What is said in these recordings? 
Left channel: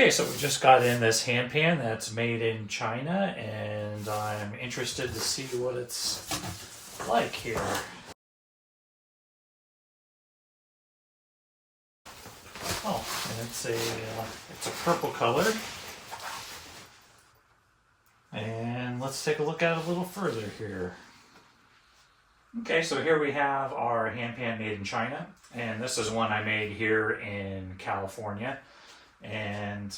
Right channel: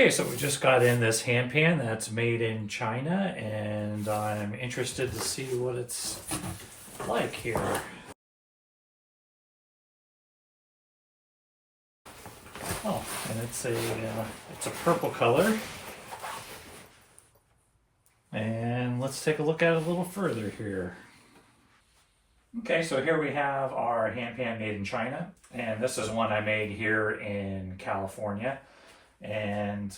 Okay, so we just got in this handpan that's made in China, and I'm interested to see what it's like here. Oh, and it's a purple color. And let's take a look at it a little further here. Okay, so here we have our handpan made in China, and this is one I made here in California. And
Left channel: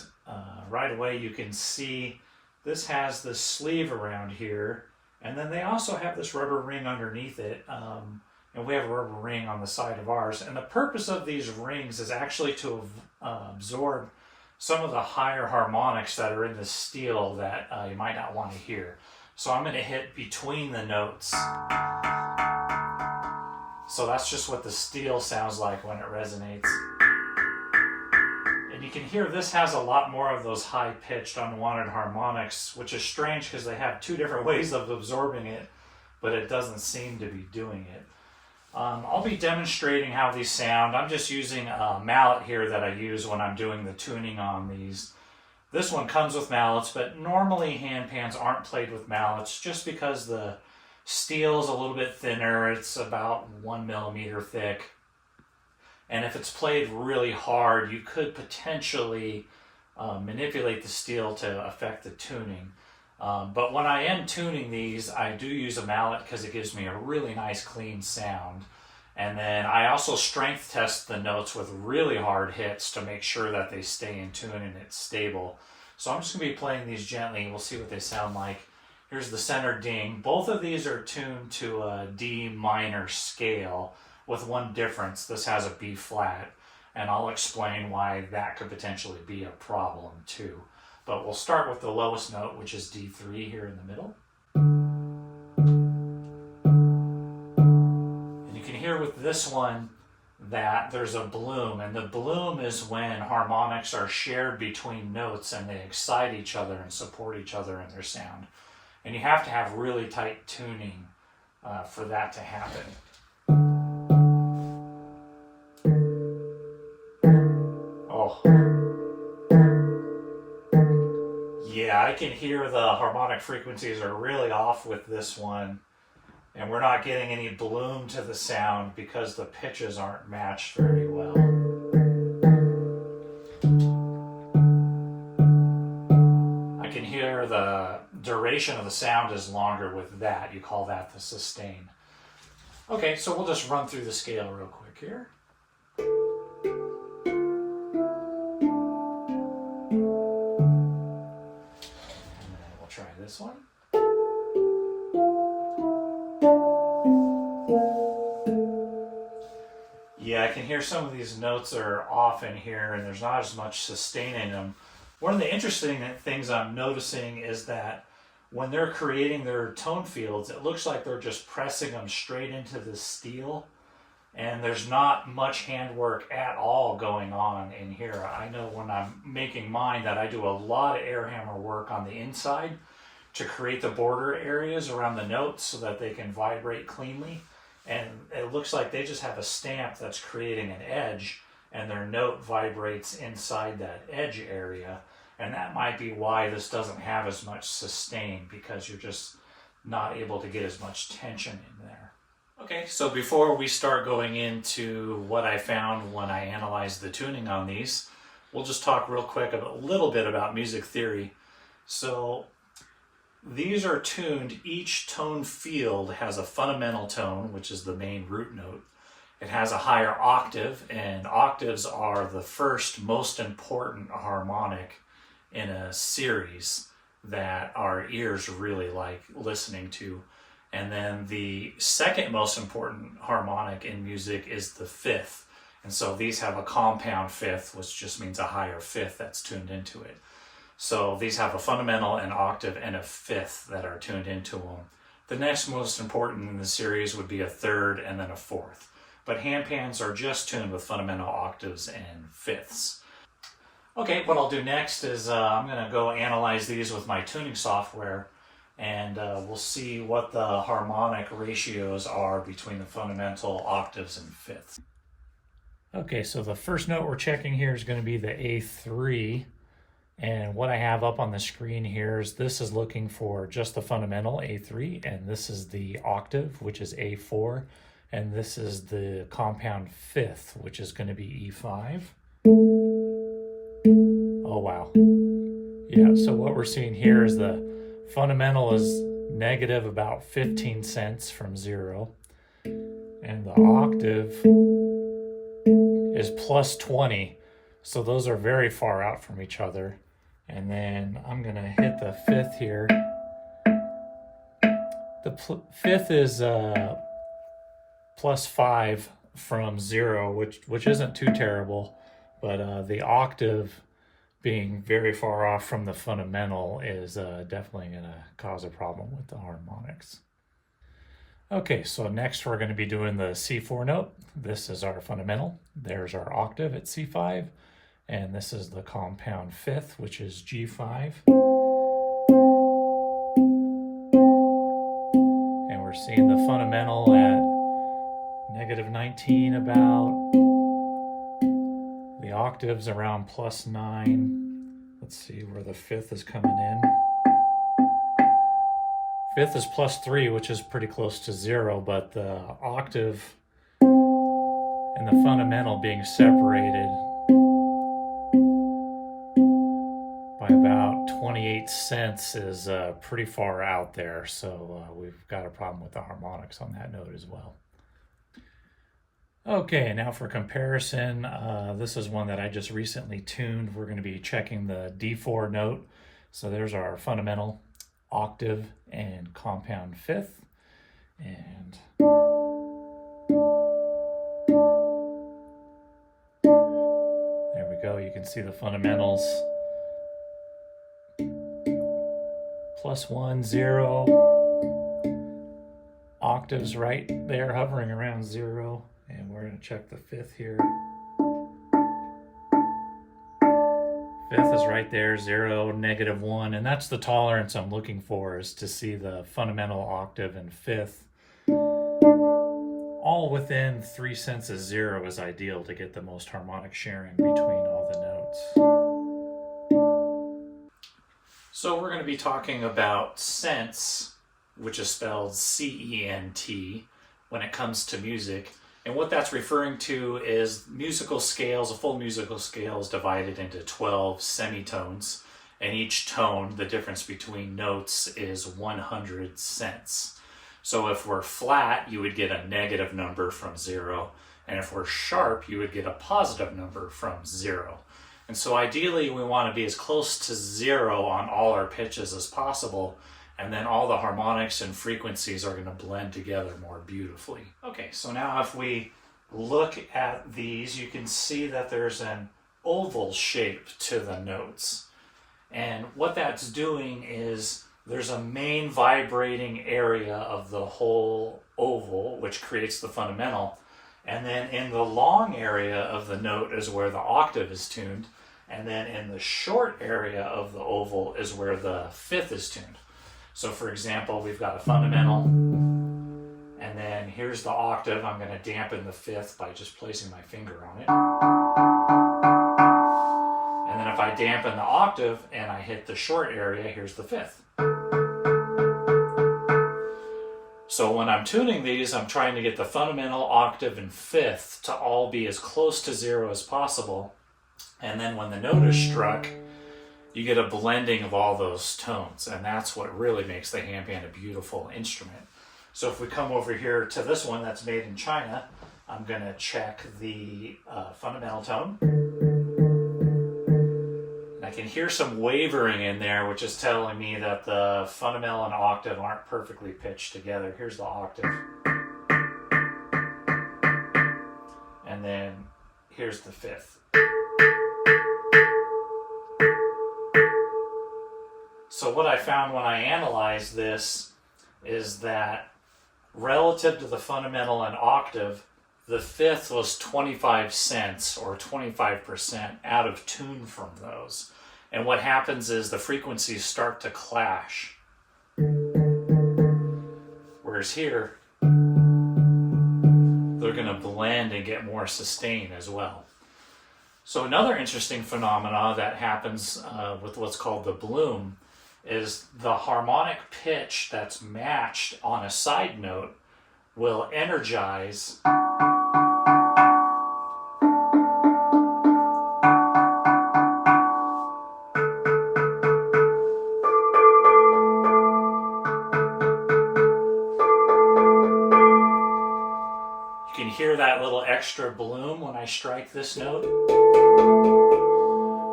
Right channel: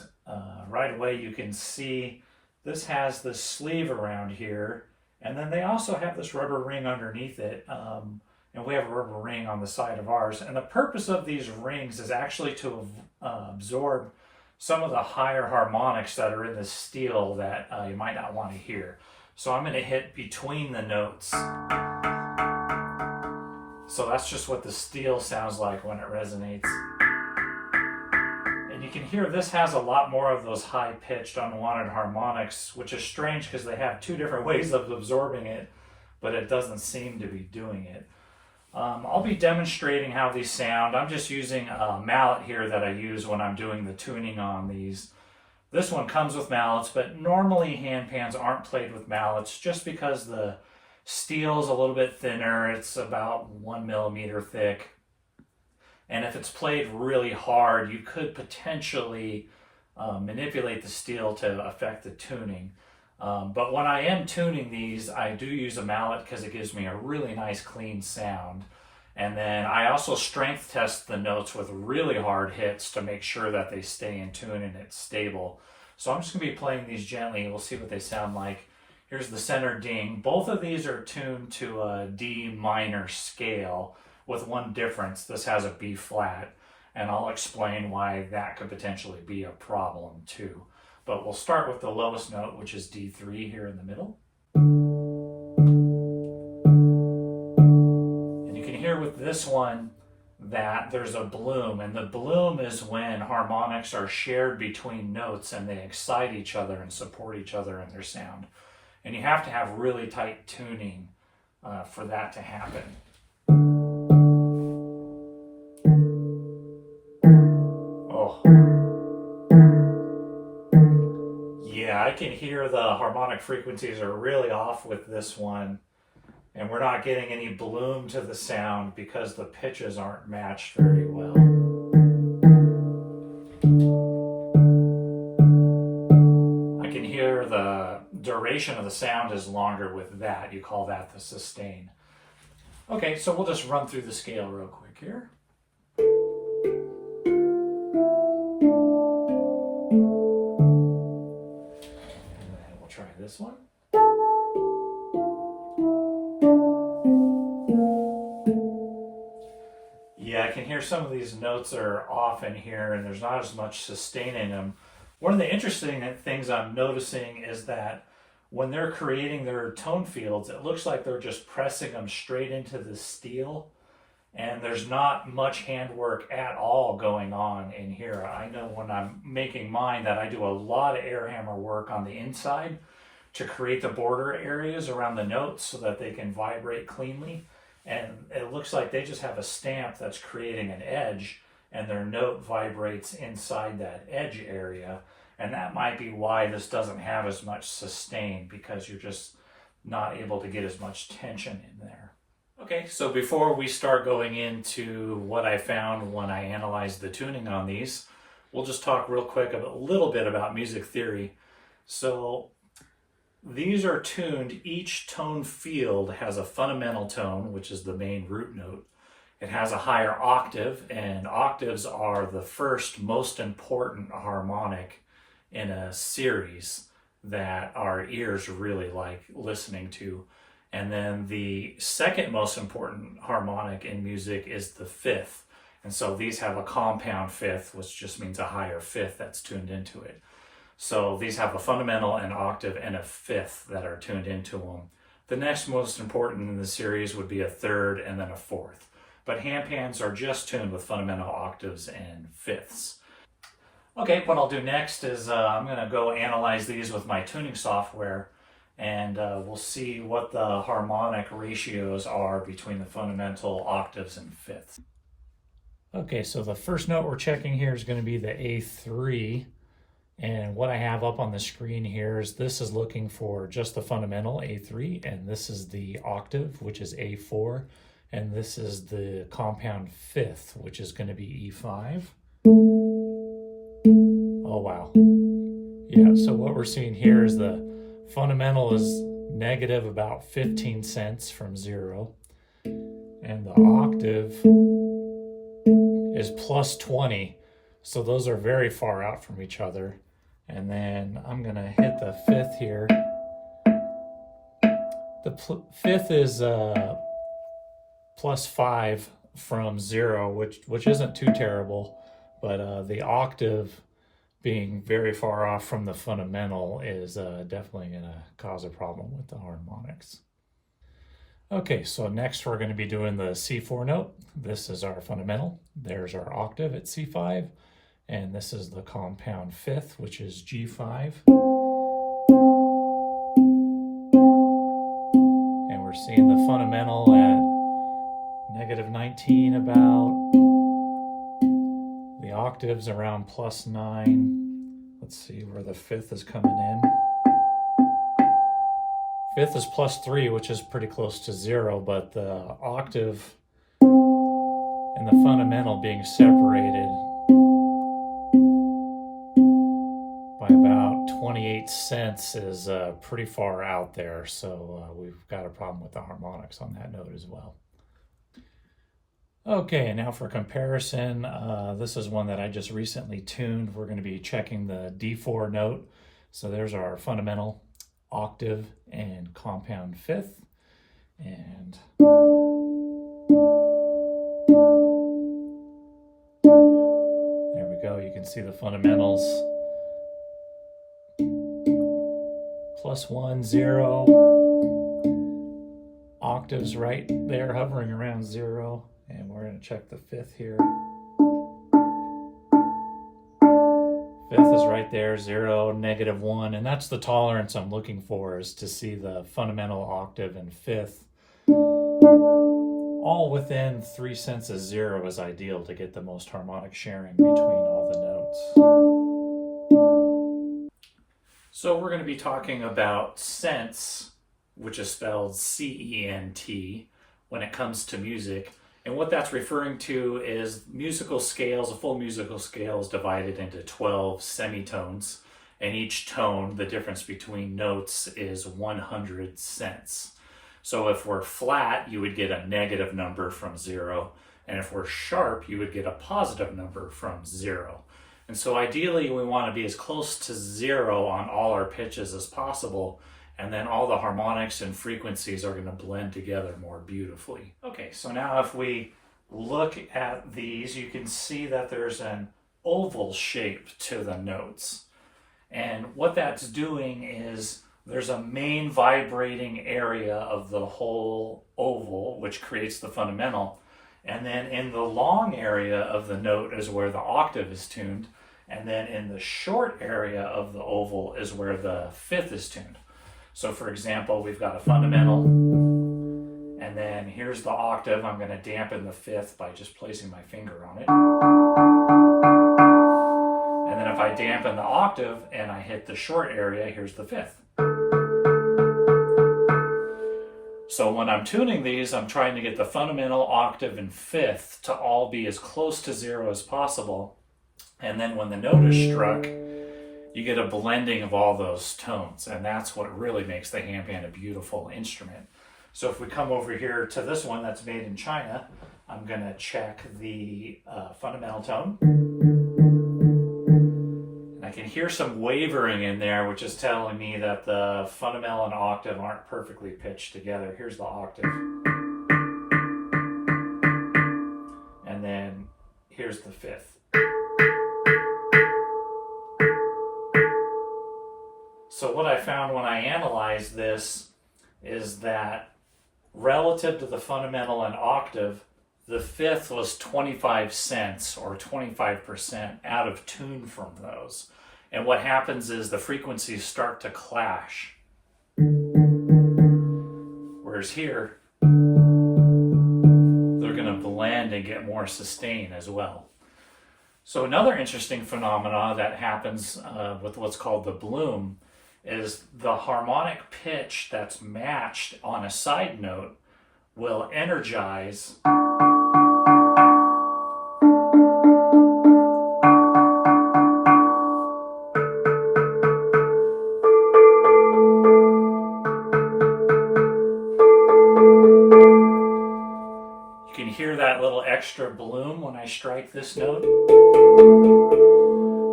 right away you can see this has this sleeve around here, and then they also have this rubber ring underneath it, and we have a rubber ring on the side of ours. And the purpose of these rings is actually to absorb some of the higher harmonics that are in the steel that you might not want to hear. So I'm going to hit between the notes. So that's just what the steel sounds like when it resonates. And you can hear this has a lot more of those high-pitched, unwanted harmonics, which is strange because they have two different ways of absorbing it, but it doesn't seem to be doing it. I'll be demonstrating how these sound. I'm just using a mallet here that I use when I'm doing the tuning on these. This one comes with mallets, but normally handpans aren't played with mallets just because the steel's a little bit thinner. It's about 1 millimeter thick. And if it's played really hard, you could potentially manipulate the steel to affect the tuning. But when I am tuning these, I do use a mallet because it gives me a really nice clean sound. And then I also strength test the notes with really hard hits to make sure that they stay in tune and it's stable. So I'm just going to be playing these gently and we'll see what they sound like. Here's the center ding. Both of these are tuned to a D minor scale, with one difference. This has a B flat, and I'll explain why that could potentially be a problem too. But we'll start with the lowest note, which is D3 here in the middle. And you can hear with this one that there's a bloom, and the bloom is when harmonics are shared between notes and they excite each other and support each other in their sound. And you have to have really tight tuning for that to happen. Yeah, I can hear the harmonic frequencies are really off with this one, and we're not getting any bloom to the sound because the pitches aren't matched very well. I can hear the duration of the sound is longer with that. You call that the sustain. Okay, so we'll just run through the scale real quick here. Try this one. Yeah, I can hear some of these notes are off in here and there's not as much sustain in them. One of the interesting things I'm noticing is that when they're creating their tone fields, it looks like they're just pressing them straight into the steel, and there's not much handwork at all going on in here. I know when I'm making mine that I do a lot of air hammer work on the inside to create the border areas around the notes so that they can vibrate cleanly. And it looks like they just have a stamp that's creating an edge, and their note vibrates inside that edge area. And that might be why this doesn't have as much sustain, because you're just not able to get as much tension in there. Okay, so before we start going into what I found when I analyzed the tuning on these, we'll just talk real quick a little bit about music theory. So these are tuned, each tone field has a fundamental tone, which is the main root note. It has a higher octave, and octaves are the first most important harmonic in a series that our ears really like listening to. And then the second most important harmonic in music is the fifth. And so these have a compound fifth, which just means a higher fifth that's tuned into it. So these have a fundamental, an octave, and a fifth that are tuned into them. The next most important in the series would be a third and then a fourth. But handpans are just tuned with fundamental, octaves, and fifths. Okay, what I'll do next is I'm going to go analyze these with my tuning software, and we'll see what the harmonic ratios are between the fundamental, octaves, and fifths. Okay, so the first note we're checking here is going to be the A3. And what I have up on the screen here is this is looking for just the fundamental A3, and this is the octave, which is A4, and this is the compound fifth, which is going to be E5. Oh, wow. Yeah, so what we're seeing here is the fundamental is negative about 15 cents from 0, and the octave is plus 20, so those are very far out from each other. And then I'm going to hit the fifth here. The fifth is plus 5 from 0, which isn't too terrible, but the octave being very far off from the fundamental is definitely going to cause a problem with the harmonics. Okay, so next we're going to be doing the C4 note. This is our fundamental. There's our octave at C5. And this is the compound fifth, which is G5. And we're seeing the fundamental at negative 19 about. The octaves around plus 9. Let's see where the fifth is coming in. Fifth is plus 3, which is pretty close to 0, but the octave and the fundamental being separated by about 28 cents is pretty far out there, so we've got a problem with the harmonics on that note as well. Okay, now for comparison, this is one that I just recently tuned. We're going to be checking the D4 note. So there's our fundamental, octave, and compound fifth. And there we go. You can see the fundamentals. Plus 1, 0. Octaves right there hovering around 0. And we're going to check the fifth here. Fifth is right there, 0, negative 1. And that's the tolerance I'm looking for, is to see the fundamental, octave, and fifth all within 3 cents of 0 is ideal to get the most harmonic sharing between all the notes. So we're going to be talking about cents, which is spelled C-E-N-T, when it comes to music. And what that's referring to is musical scales. A full musical scale is divided into 12 semitones, and each tone, the difference between notes, is 100 cents. So if we're flat, you would get a negative number from 0, and if we're sharp, you would get a positive number from 0. And so ideally, we want to be as close to 0 on all our pitches as possible, and then all the harmonics and frequencies are going to blend together more beautifully. Okay, so now if we look at these, you can see that there's an oval shape to the notes. And what that's doing is there's a main vibrating area of the whole oval, which creates the fundamental. And then in the long area of the note is where the octave is tuned. And then in the short area of the oval is where the fifth is tuned. So for example, we've got a fundamental, and then here's the octave. I'm going to dampen the fifth by just placing my finger on it. And then if I dampen the octave and I hit the short area, here's the fifth. So when I'm tuning these, I'm trying to get the fundamental, octave, and fifth to all be as close to 0 as possible. And then when the note is struck, you get a blending of all those tones, and that's what really makes the handpan a beautiful instrument. So if we come over here to this one that's made in China, I'm going to check the fundamental tone. And I can hear some wavering in there, which is telling me that the fundamental and octave aren't perfectly pitched together. Here's the octave. And then here's the fifth. So what I found when I analyzed this is that relative to the fundamental and octave, the fifth was 25 cents or 25% out of tune from those. And what happens is the frequencies start to clash. Whereas here, they're going to blend and get more sustain as well. So another interesting phenomena that happens with what's called the bloom is the harmonic pitch that's matched on a side note will energize You can hear that little extra bloom when I strike this note.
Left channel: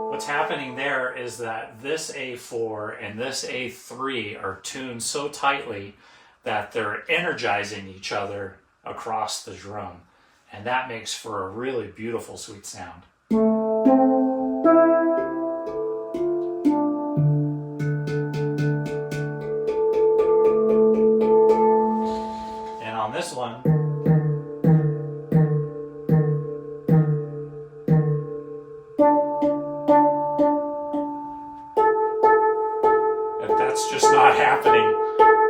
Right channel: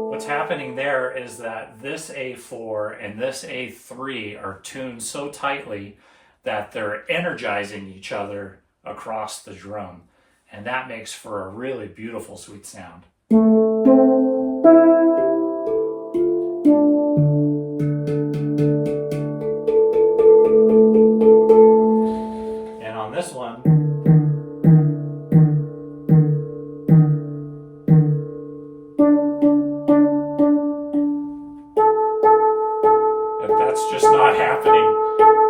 What's happening there is that this A4 and this A3 are tuned so tightly that they're energizing each other across the drum. And that makes for a really beautiful, sweet sound. And on this one, that's just not happening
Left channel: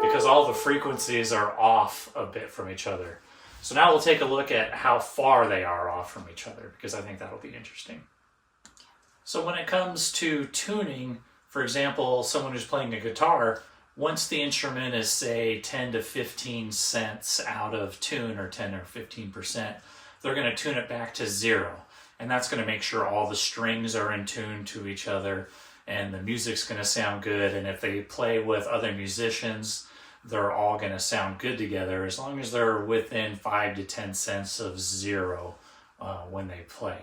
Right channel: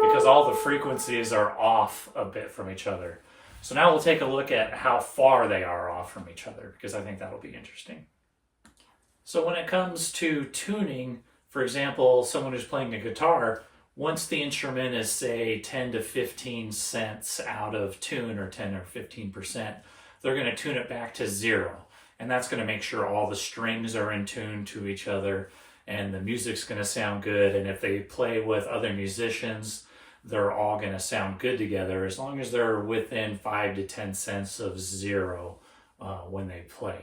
because all the frequencies are off a bit from each other. So now we'll take a look at how far they are off from each other, because I think that'll be interesting. So when it comes to tuning, for example, someone who's playing a guitar, once the instrument is, say, 10 to 15 cents out of tune, or 10 or 15%, they're going to tune it back to 0. And that's going to make sure all the strings are in tune to each other, and the music's going to sound good. And if they play with other musicians, they're all going to sound good together, as long as they're within 5 to 10 cents of 0 when they play.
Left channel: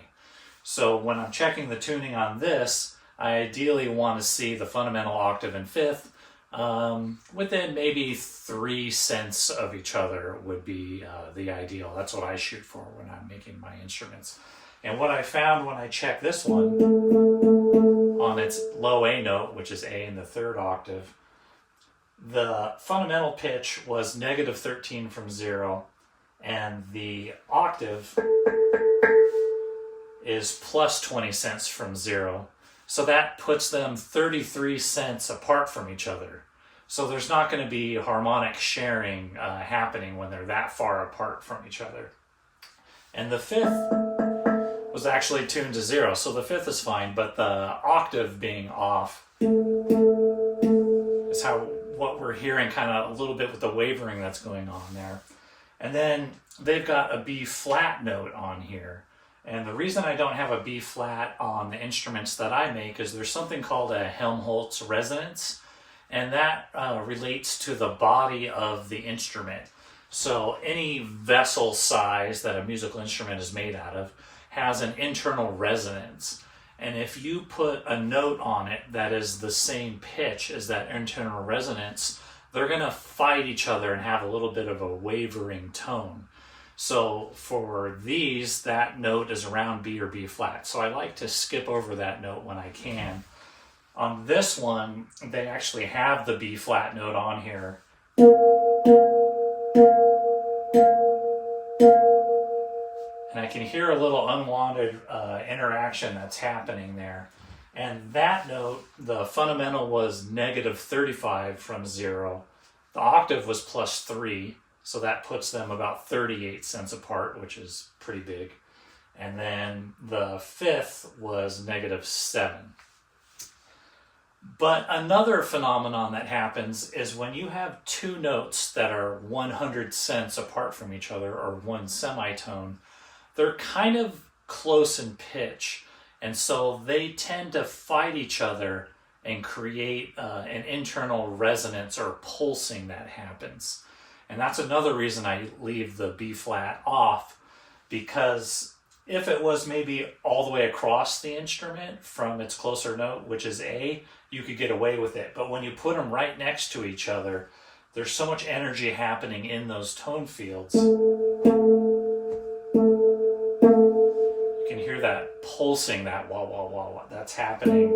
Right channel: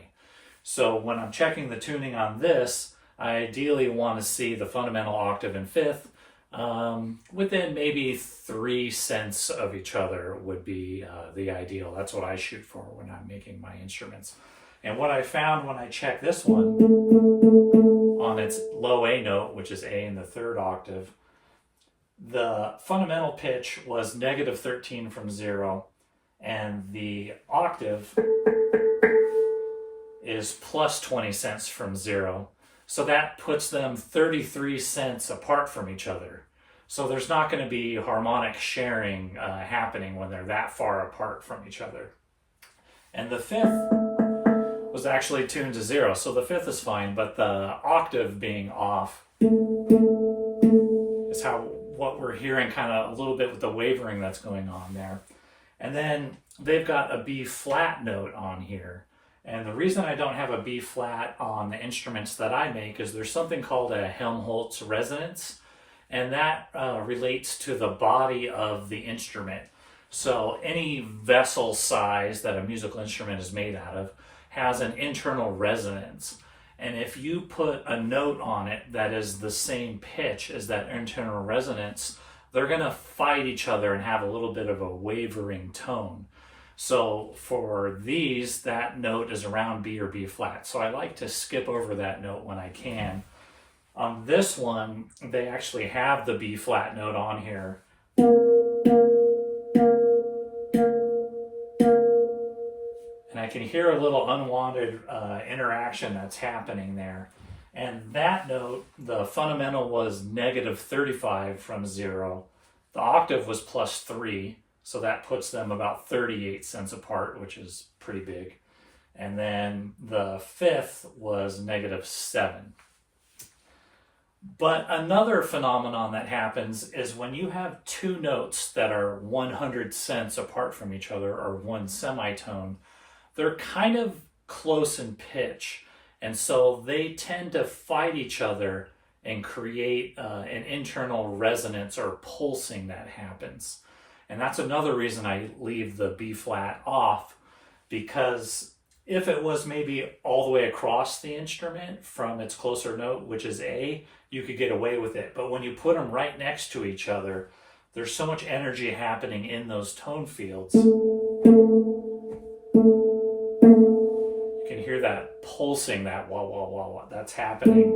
So when I'm checking the tuning on this, I ideally want to see the fundamental, octave, and fifth within maybe 3 cents of each other would be the ideal. That's what I shoot for when I'm making my instruments. And what I found when I checked this one on its low A note, which is A in the 3rd octave, the fundamental pitch was negative 13 from 0, and the octave is plus 20 cents from 0. So that puts them 33 cents apart from each other. So there's not going to be harmonic sharing happening when they're that far apart from each other. And the 5th was actually tuned to 0, so the 5th is fine, but the octave being off is what we're hearing, kind of a little bit with the wavering that's going on there. And then they've got a B flat note on here. And the reason I don't have a B flat on the instruments that I make is there's something called a Helmholtz resonance, and that relates to the body of the instrument. So any vessel size that a musical instrument is made out of has an internal resonance. And if you put a note on it that is the same pitch as that internal resonance, they're going to fight each other and have a little bit of a wavering tone. So for these, that note is around B or B flat. So I like to skip over that note when I can. On this one, they actually have the B flat note on here. And I can hear a little unwanted interaction that's happening there. And that note, the fundamental was negative 35 from 0. The octave was plus 3. So that puts them about 38 cents apart, which is pretty big. And then the 5th was negative 7. But another phenomenon that happens is when you have two notes that are 100 cents apart from each other, or one semitone, they're kind of close in pitch. And so they tend to fight each other and create an internal resonance or pulsing that happens. And that's another reason I leave the B flat off, because if it was maybe all the way across the instrument from its closer note, which is A, you could get away with it. But when you put them right next to each other, there's so much energy happening in those tone fields. You can hear that pulsing, that wah, wah, wah, wah, that's happening.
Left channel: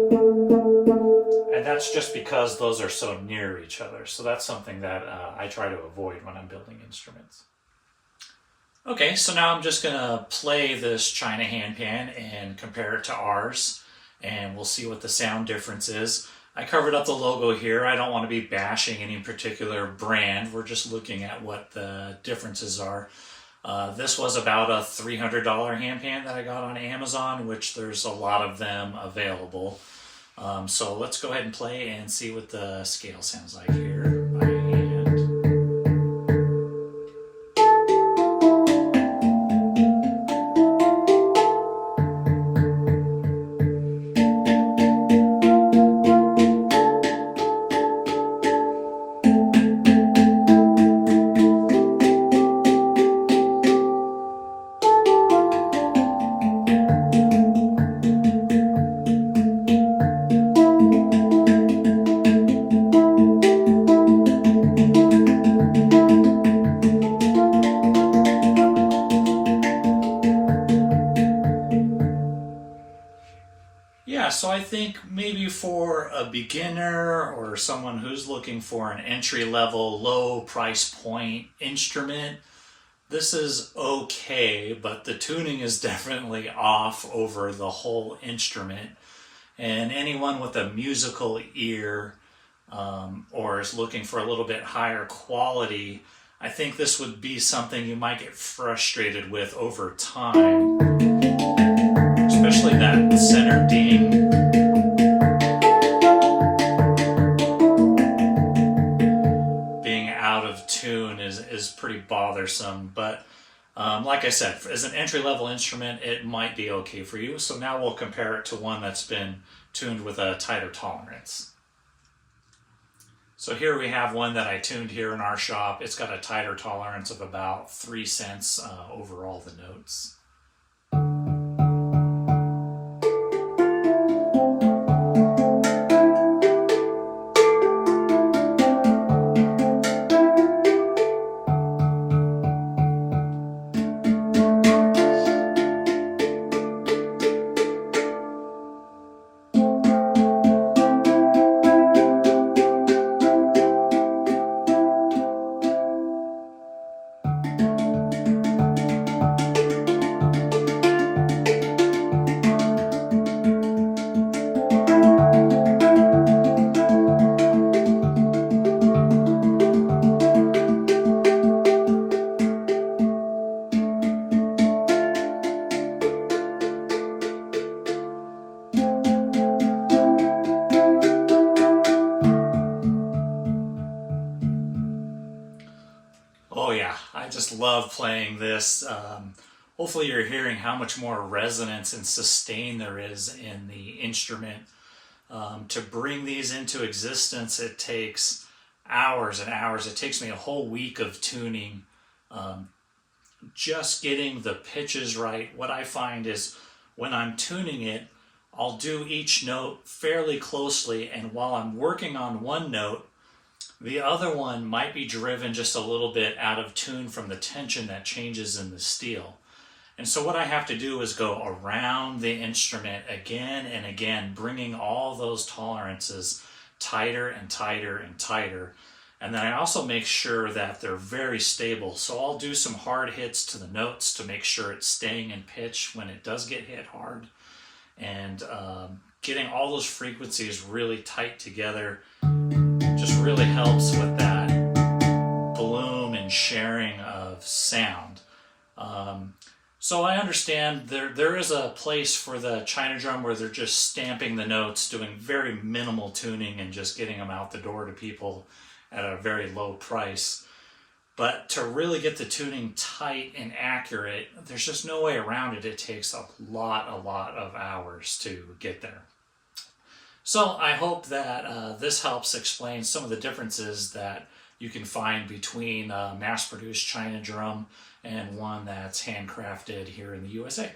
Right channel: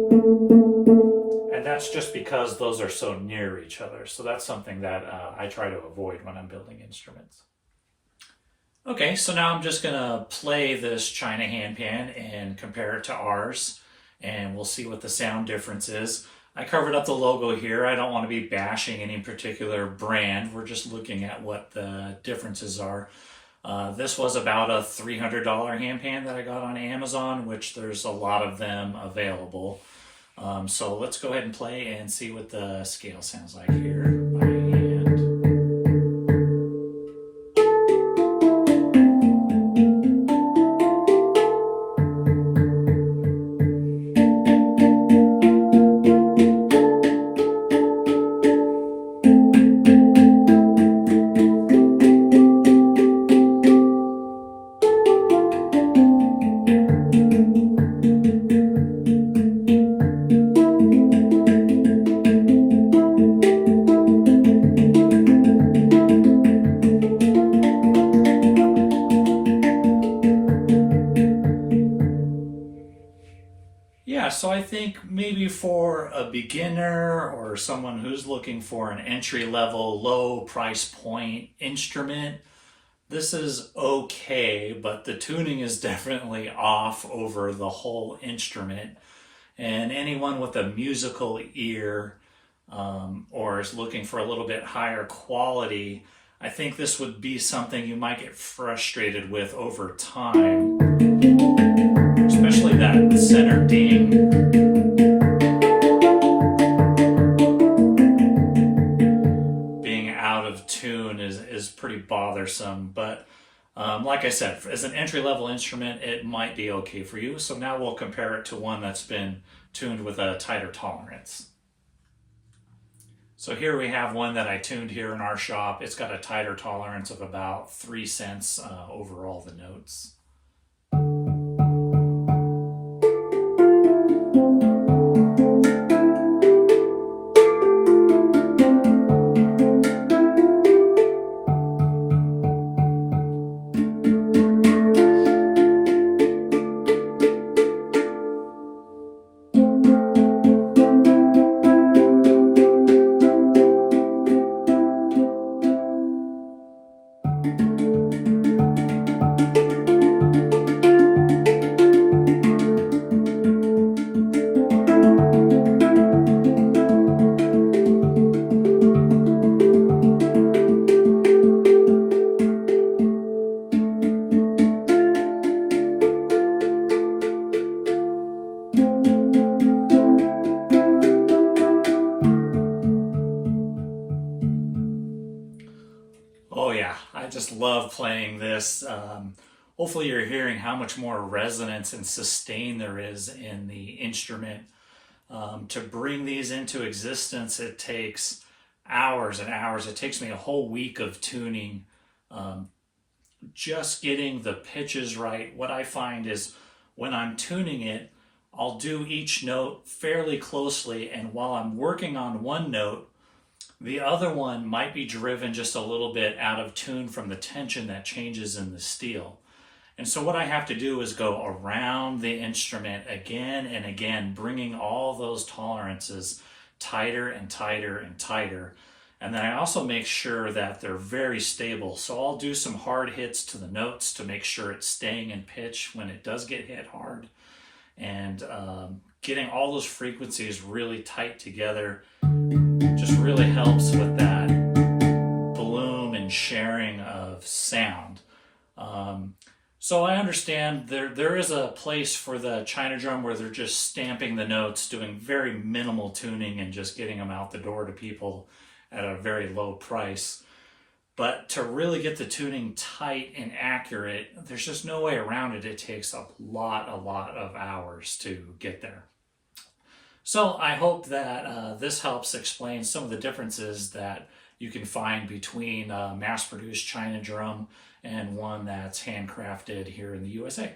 And that's just because those are so near each other. So that's something that I try to avoid when I'm building instruments. Okay, so now I'm just going to play this China handpan and compare it to ours, and we'll see what the sound difference is. I covered up the logo here. I don't want to be bashing any particular brand. We're just looking at what the differences are. This was about a $300 handpan that I got on Amazon, which there's a lot of them available. So let's go ahead and play and see what the scale sounds like here by hand. Yeah, so I think maybe for a beginner or someone who's looking for an entry level, low price point instrument, this is okay, but the tuning is definitely off over the whole instrument. And anyone with a musical ear or is looking for a little bit higher quality, I think this would be something you might get frustrated with over time, especially that center ding. Being out of tune is pretty bothersome, but like I said, as an entry-level instrument, it might be okay for you. So now we'll compare it to one that's been tuned with a tighter tolerance. So here we have one that I tuned here in our shop. It's got a tighter tolerance of about 3 cents over all the notes. Oh yeah, I just love playing this. Hopefully you're hearing how much more resonance and sustain there is in the instrument. To bring these into existence, it takes hours and hours. It takes me a whole week of tuning, just getting the pitches right. What I find is when I'm tuning it, I'll do each note fairly closely, and while I'm working on one note, the other one might be driven just a little bit out of tune from the tension that changes in the steel. And so what I have to do is go around the instrument again and again, bringing all those tolerances tighter and tighter and tighter. And then I also make sure that they're very stable. So I'll do some hard hits to the notes to make sure it's staying in pitch when it does get hit hard. And getting all those frequencies really tight together just really helps with that bloom and sharing of sound. So I understand there is a place for the China drum where they're just stamping the notes, doing very minimal tuning and just getting them out the door to people at a very low price. But to really get the tuning tight and accurate, there's just no way around it. It takes a lot of hours to get there. So I hope that this helps explain some of the differences that you can find between a mass-produced China drum and one that's handcrafted here in the USA.